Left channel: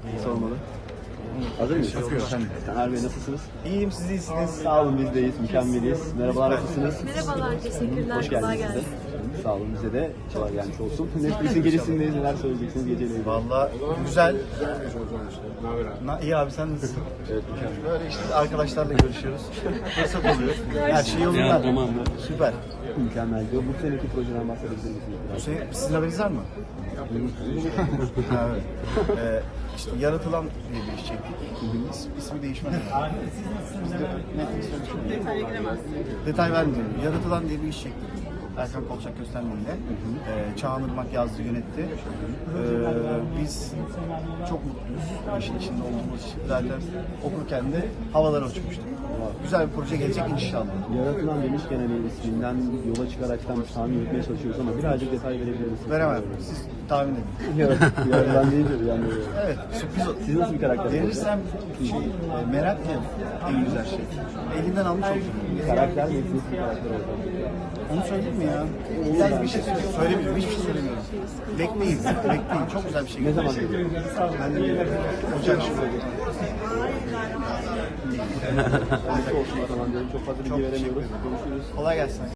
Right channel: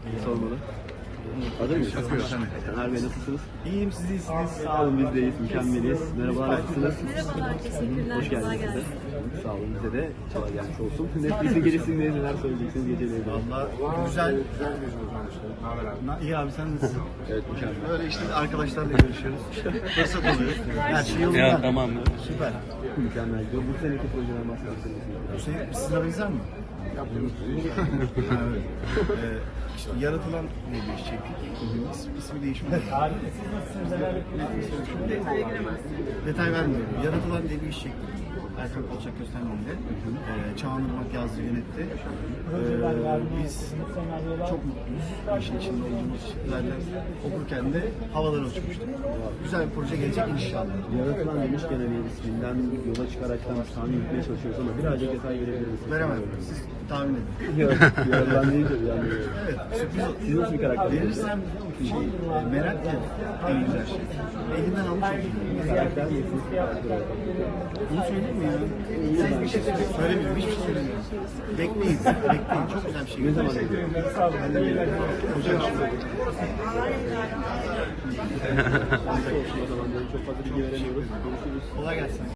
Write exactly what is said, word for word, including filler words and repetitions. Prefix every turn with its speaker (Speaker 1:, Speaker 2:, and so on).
Speaker 1: Sormalı. Hazır mısınız? Erbe nasılsınız? İyiyim, siz iyisiniz. Sağ olun, biz de iyiyiz, mükemmeliyiz. Merhabalar, nasılsınız?
Speaker 2: Merhabalar, teşekkürler.
Speaker 1: Hoş
Speaker 2: Kolay
Speaker 1: geldiniz.
Speaker 2: gelsin.
Speaker 1: Sağ olun, bize de kolay gelmiş olsun. Netflix'in gecesindeyiz, neler söyleyeceksiniz geceyle ilgili?
Speaker 3: Valla güzel. Na, iyi abi sen nasılsın?
Speaker 1: Evet, mükemmel.
Speaker 3: Böyle işte arkadaşlarla görüşüyoruz. Fırsat oluyor. Her şey yolunda.
Speaker 1: Ya, tamam mı?
Speaker 3: Süper.
Speaker 1: Mükemmel. Bu seneki projeden bahsedebilir misiniz?
Speaker 3: Bu şey sınavınız var mı? Ha, evet. Ee, işte Yaratılan diye bir iş çektik. İs, ismi değişmedi. Detay vermiyorum. Yaratılan diye bir iş çektik. Erkan Kolçak Köstenbey'le. Ee, Çağan Irmak yazdı, yönetti. Ee, biz çok mutluyuz. İşin içinde olduğumuz zaten okurken de havalara uçmuştuk. Güzel bir proje gelecek inşallah.
Speaker 1: Yaratılan Deniz Kenan'ın isminden yola çıkaraktan tahmin etmeye çalışıyoruz ama birazcık detay verebilir misiniz?
Speaker 3: Veremem. Siz tahmin edin.
Speaker 1: Yok, yani değil de yani.
Speaker 3: Evet, sürpriz o.
Speaker 1: Siz nasıl bir karakter?
Speaker 3: Verirsem şey, merak ya en güzel şey. Elinden almış oldum.
Speaker 1: Karakter misiniz?
Speaker 3: Onu söyleyeyim mi ya? Güzel bir şey söylemiyorum, hiçbir şey söylemiyorum. Bekleyin, bekleyin. Çok güzel bir şey.
Speaker 1: Ne zaman geliyor?
Speaker 3: Ben de geliyorum. Güzel bir şey söyleyeyim.
Speaker 1: Çok fazla bilgi veremiyoruz.
Speaker 3: Kolay gelsin.